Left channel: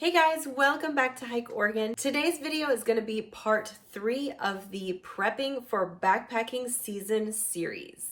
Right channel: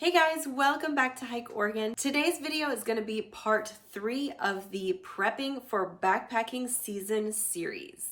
Hey guys, welcome back to Hike Oregon. Today's video is going to be part 3 of the Prepping for Backpacking Season series.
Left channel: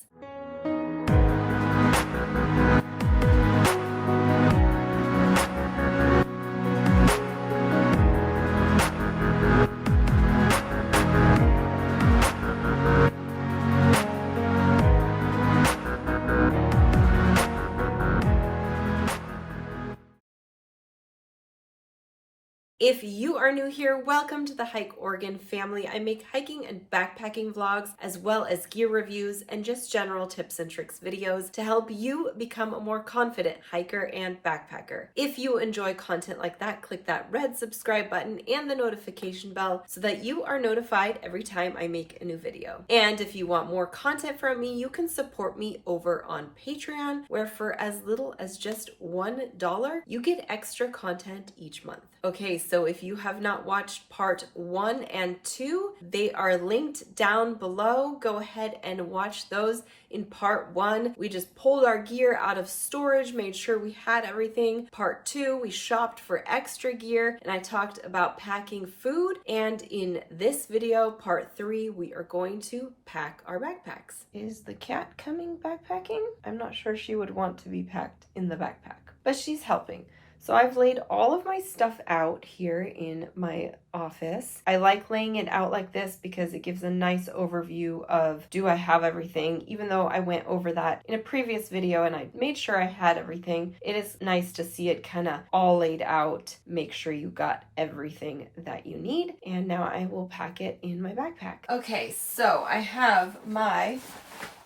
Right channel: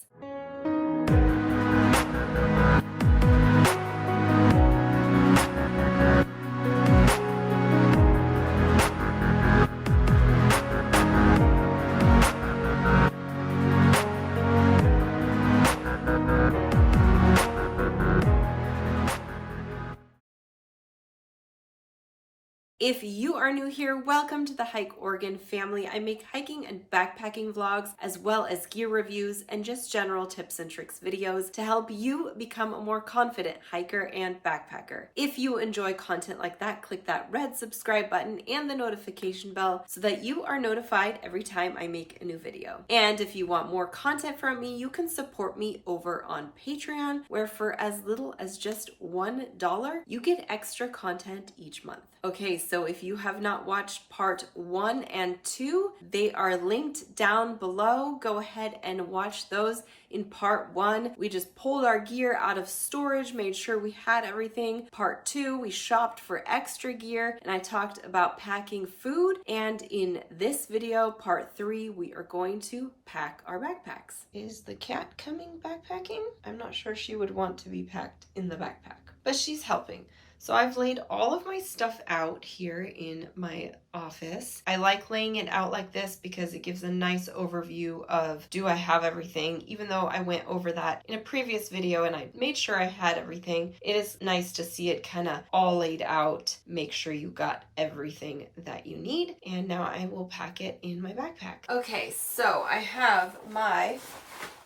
If you are new here, welcome to the Hike Oregon family. I make hiking and backpacking vlogs as well as gear reviews and just general tips and tricks videos to help you become a more confident hiker and backpacker. If you enjoy content like that, click that red subscribe button and the notification bell so that you are notified every time I make a new video. And if you want more content from me, you can support me over on Patreon, where for as little as just $1, you get extra content each month. Okay, so if you have not watched part 1 and 2, they are linked down below. Go ahead and watch those. In part 1, we just pulled our gear out of storage, made sure we had everything. Part 2, we shopped for extra gear, and I talked about packing food. And in this video, part 3, we are going to pack our backpacks. Is the cat coming backpacking? I'm not sure she would want to be packed in the backpack, but she's helping. So I've laid all of my stuff out here in my office. I like laying it out like this because it gives a nice overview of, do I have everything? Even though I went over that in a previous video and I made sure I had everything, it is nice to see it kind of all laid out. Make sure you got everything that you need. And now I will pack it in my backpack. Okay, so I have my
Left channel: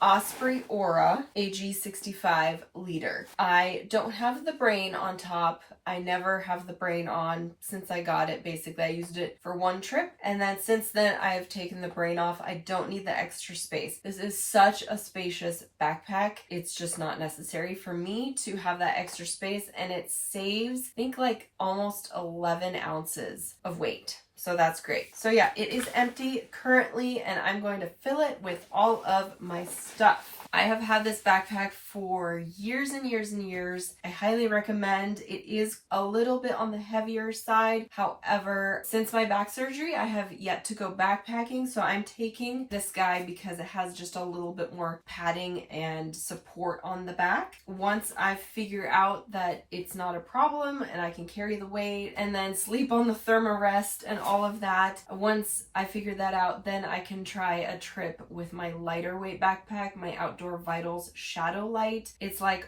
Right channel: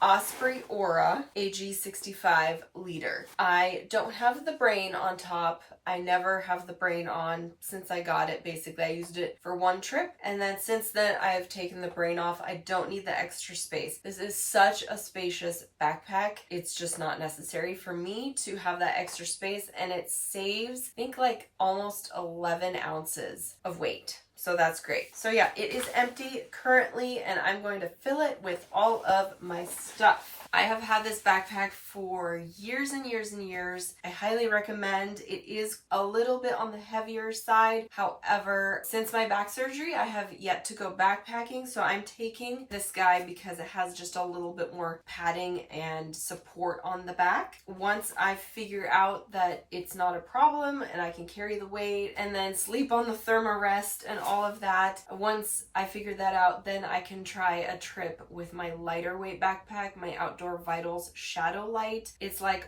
Osprey Aura AG65 liter. I don't have the brain on top. I never have the brain on since I got it. Basically, I used it for one trip, and then since then I have taken the brain off. I don't need the extra space. This is such a spacious backpack. It's just not necessary for me to have that extra space, and it saves, I think, like almost 11 ounces of weight. So that's great. So yeah, it is empty currently, and I'm going to fill it with all of my stuff. I have had this backpack for years and years and years. I highly recommend. It is a little bit on the heavier side. However, since my back surgery, I have yet to go backpacking. So I'm taking this guy because it has just a little bit more padding and support on the back. Once I figure out that it's not a problem and I can carry the weight and then sleep on the thermarest and all of that, once I figure that out, then I can try a trip with my lighter weight backpack, my Outdoor Vitals Shadow Light. It's like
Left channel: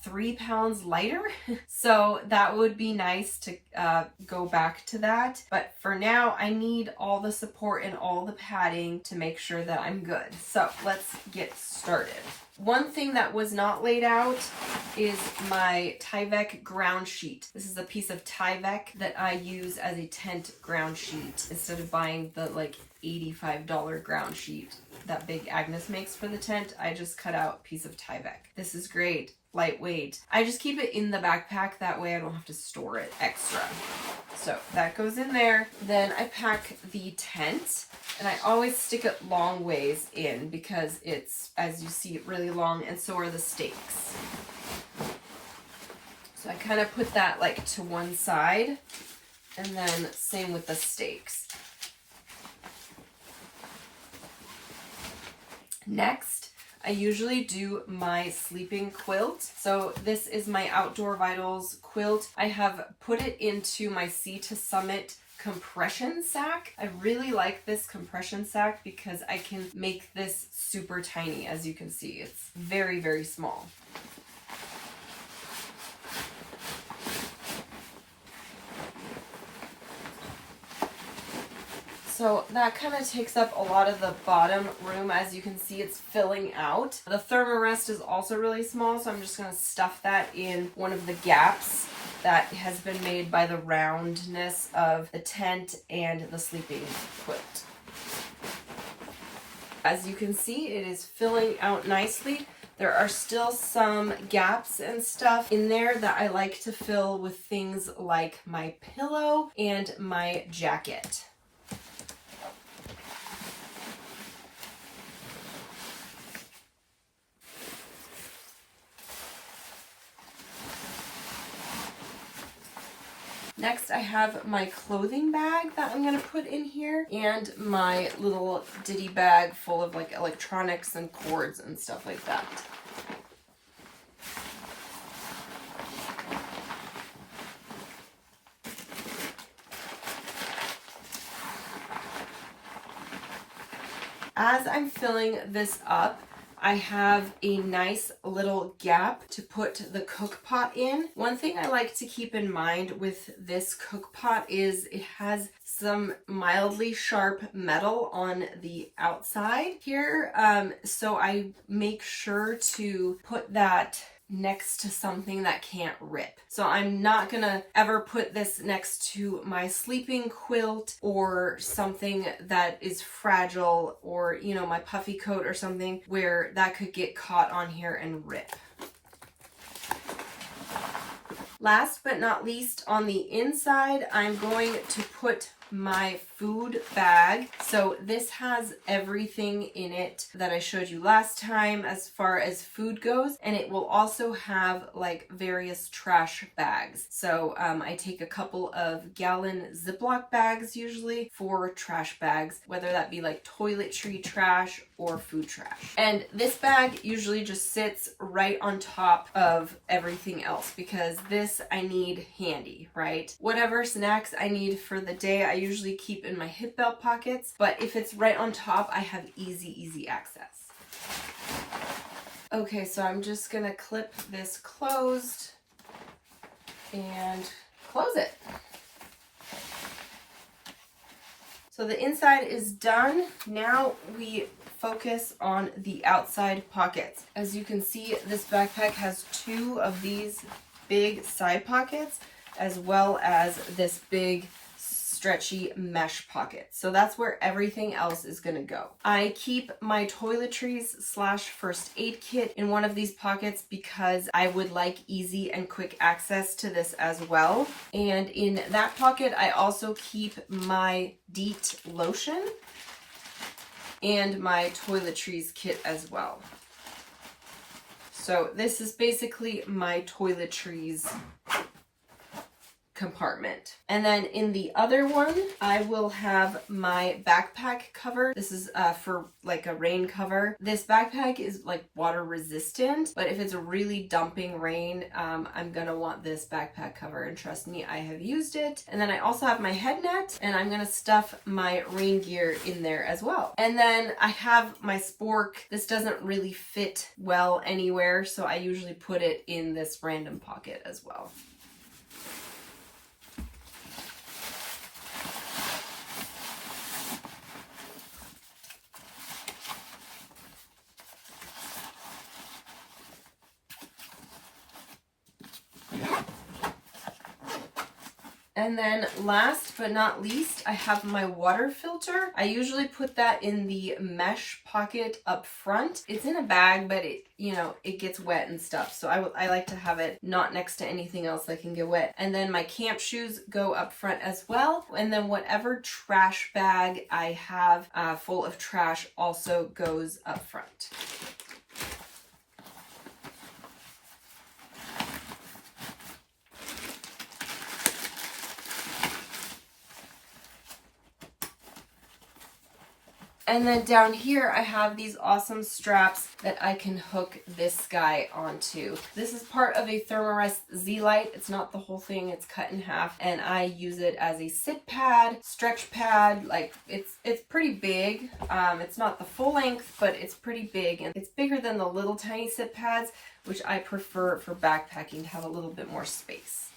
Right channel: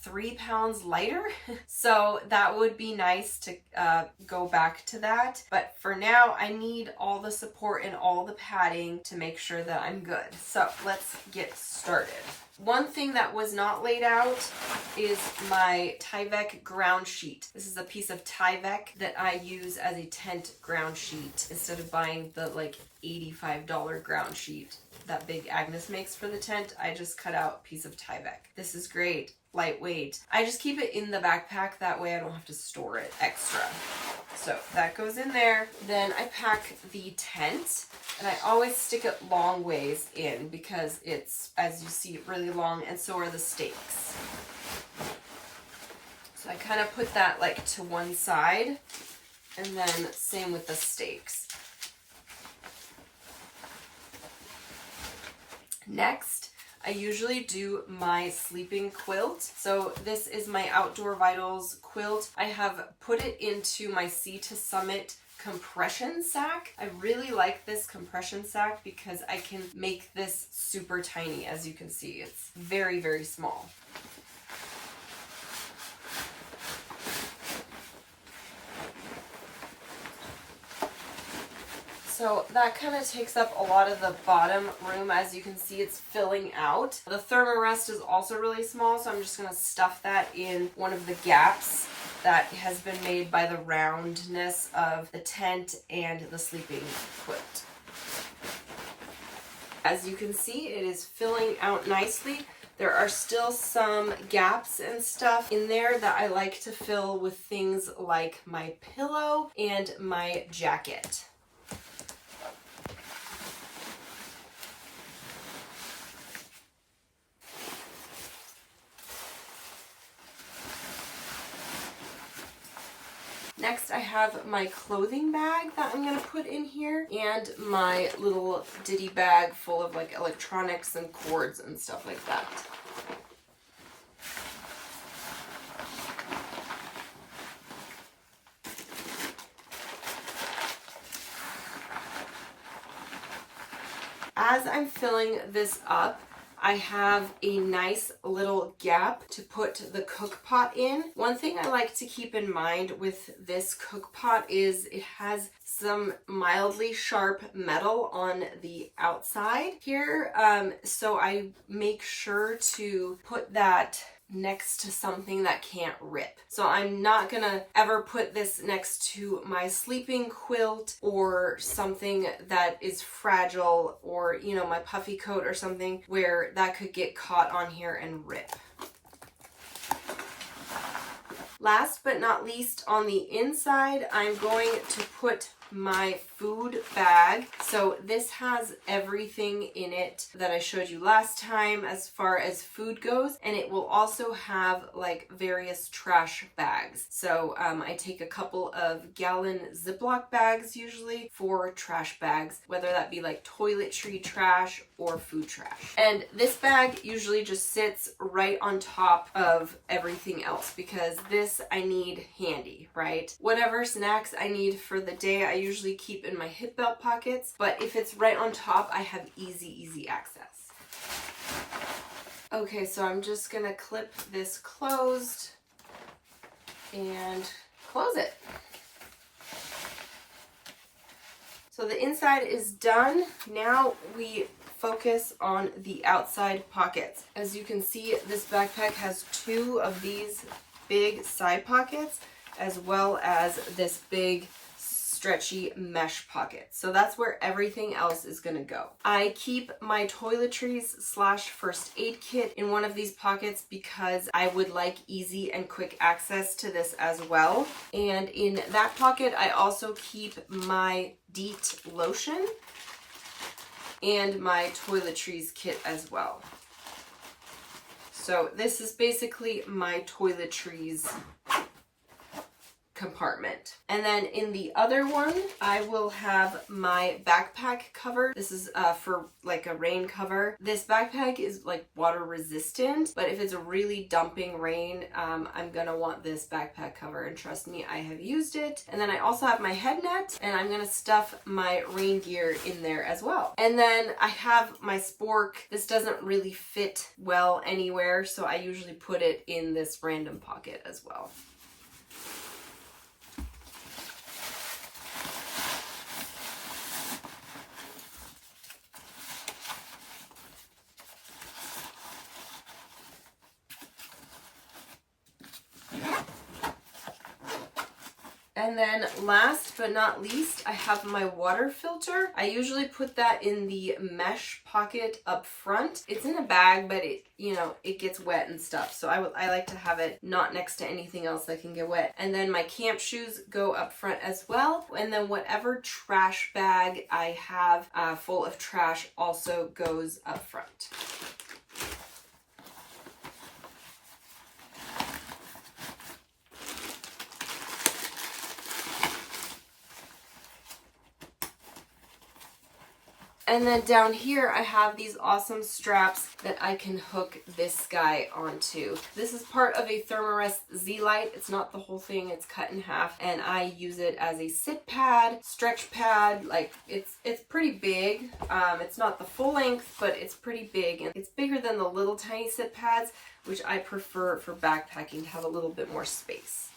3 pounds lighter. So that would be nice to go back to that. But for now, I need all the support and all the padding to make sure that I'm good. So let's get started. One thing that was not laid out is my Tyvek ground sheet. This is a piece of Tyvek that I use as a tent ground sheet instead of buying the like $85 ground sheet that Big Agnes makes for the tent. I just cut out a piece of Tyvek. This is great, lightweight. I just keep it in the backpack, that way I don't have to store it extra. So that goes in there. Then I pack the tent, and I always stick it long ways in because it's, as you see, really long, and so are the stakes. So I kind of put that like to one side, and then same with the stakes. Next, I usually do my sleeping quilt. So this is my Outdoor Vitals quilt. I have put it into my Sea to Summit compression sack. I really like this compression sack because I can make this super tiny. As you can see, it's very, very small. So that kind of takes up a lot of the bottom room. As you can see, it's filling out. The thermarest is also really small, so I'm just going to stuff that in one of the gaps that has been made by the roundness of the tent and the sleeping quilt. As you can see, it is filling out nicely. There are still some gaps and stuff in there that I like to fill with things like my pillow and my jacket. Next, I have my clothing bag that I'm gonna put in here, and my little ditty bag full of like electronics and cords and stuff like that. As I'm filling this up, I have a nice little gap to put the cook pot in. One thing I like to keep in mind with this cook pot is it has some mildly sharp metal on the outside here. So I make sure to put that next to something that can't rip. So I'm not gonna ever put this next to my sleeping quilt or something that is fragile, or you know, my puffy coat or something where that could get caught on here and rip. Last but not least, on the inside, I'm going to put my food bag. So this has everything in it that I showed you last time as far as food goes, and it will also have like various trash bags. So I take a couple of gallon Ziploc bags usually for trash bags, whether that be like toiletry trash or food trash. And this bag usually just sits right on top of everything else because this I need handy, right? Whatever snacks I need for the day, I usually keep in my hip belt pockets, but if it's right on top, I have easy access. Okay, so I'm just gonna clip this closed and close it. So the inside is done. Now we focus on the outside pockets. As you can see, this backpack has two of these big side pockets as well as this big stretchy mesh pocket. So that's where everything else is gonna go. I keep my toiletries / first aid kit in one of these pockets because I would like easy and quick access to this as well. And in that pocket, I also keep my DEET lotion and my toiletries kit as well. So this is basically my toiletries compartment. And then in the other one, I will have my backpack cover. This is for like a rain cover. This backpack is like water resistant, but if it's a really dumping rain, I'm gonna want this backpack cover, and trust me, I have used it. And then I also have my head net, and I'm gonna stuff my rain gear in there as well. And then I have my spork. This doesn't really fit well anywhere, so I usually put it in this random pocket as well. And then last but not least, I have my water filter. I usually put that in the mesh pocket up front. It's in a bag, but it, you know, it gets wet and stuff. So I like to have it not next to anything else that can get wet. And then my camp shoes go up front as well. And then whatever trash bag I have full of trash also goes up front. And then down here, I have these awesome straps that I can hook this guy onto. This is part of a Thermarest Z-Lite. It's not the whole thing, it's cut in half. And I use it as a sit pad, stretch pad. Like it's pretty big. It's not the full length, but it's pretty big. And it's bigger than the little tiny sit pads, which I prefer for backpacking to have a little bit more space.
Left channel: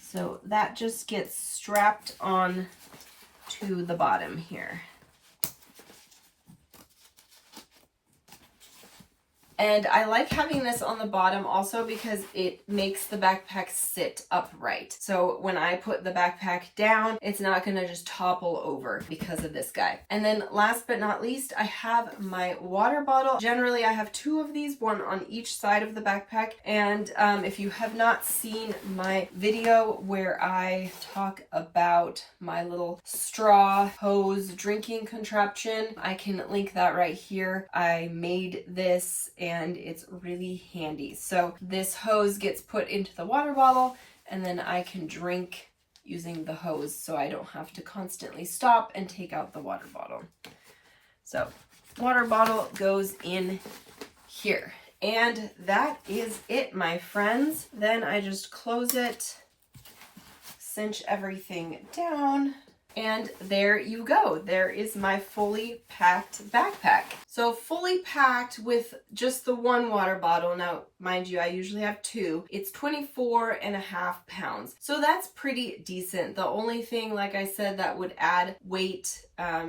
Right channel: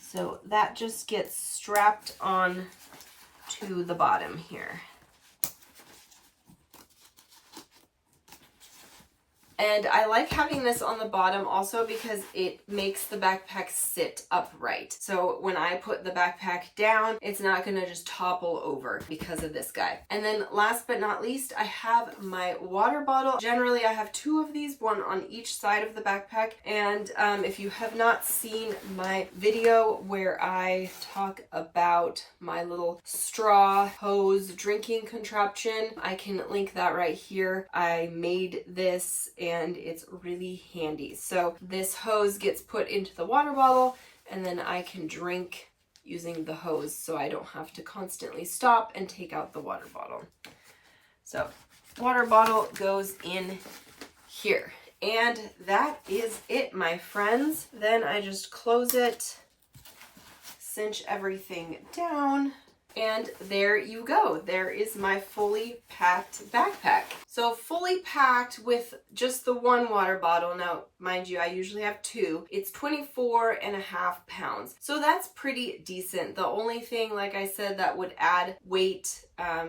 So that just gets strapped on to the bottom here. And I like having this on the bottom also because it makes the backpack sit upright. So when I put the backpack down, it's not gonna just topple over because of this guy. And then last but not least, I have my water bottle. Generally, I have two of these, one on each side of the backpack. And if you have not seen my video where I talk about my little straw hose drinking contraption, I can link that right here. I made this and it's really handy. So this hose gets put into the water bottle and then I can drink using the hose so I don't have to constantly stop and take out the water bottle. So water bottle goes in here. And that is it, my friends. Then I just close it, cinch everything down, and there you go. There is my fully packed backpack. So fully packed with just the one water bottle. Now, mind you, I usually have two. It's 24.5 pounds. So that's pretty decent. The only thing, like I said, that would add weight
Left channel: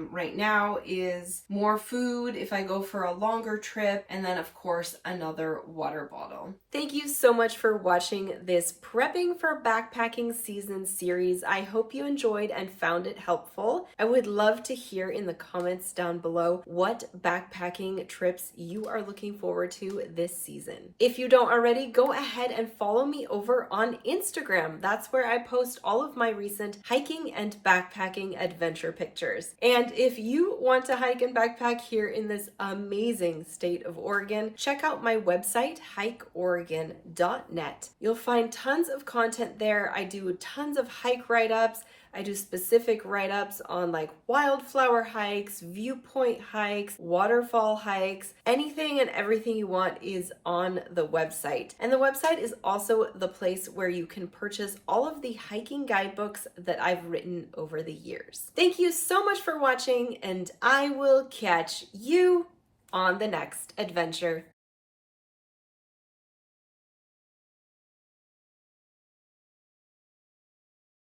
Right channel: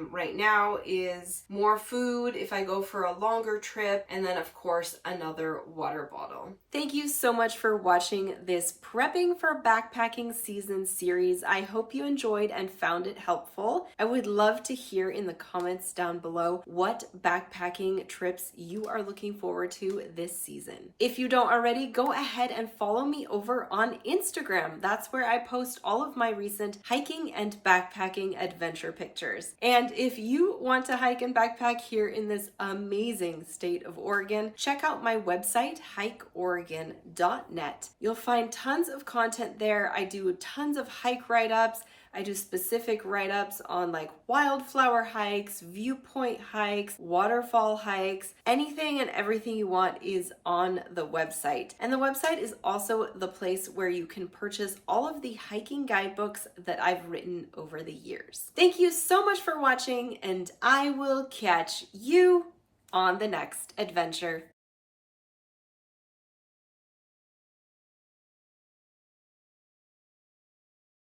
right now is more food if I go for a longer trip, and then of course another water bottle. Thank you so much for watching this Prepping for Backpacking Season series. I hope you enjoyed and found it helpful. I would love to hear in the comments down below what backpacking trips you are looking forward to this season. If you don't already, go ahead and follow me over on Instagram. That's where I post all of my recent hiking and backpacking adventure pictures. And if you want to hike and backpack here in this amazing state of Oregon, check out my website, hikeoregon.net. You'll find tons of content there. I do tons of hike write-ups. I do specific write-ups on like wildflower hikes, viewpoint hikes, waterfall hikes. Anything and everything you want is on the website. And the website is also the place where you can purchase all of the hiking guidebooks that I've written over the years. Thank you so much for watching, and I will catch you on the next adventure.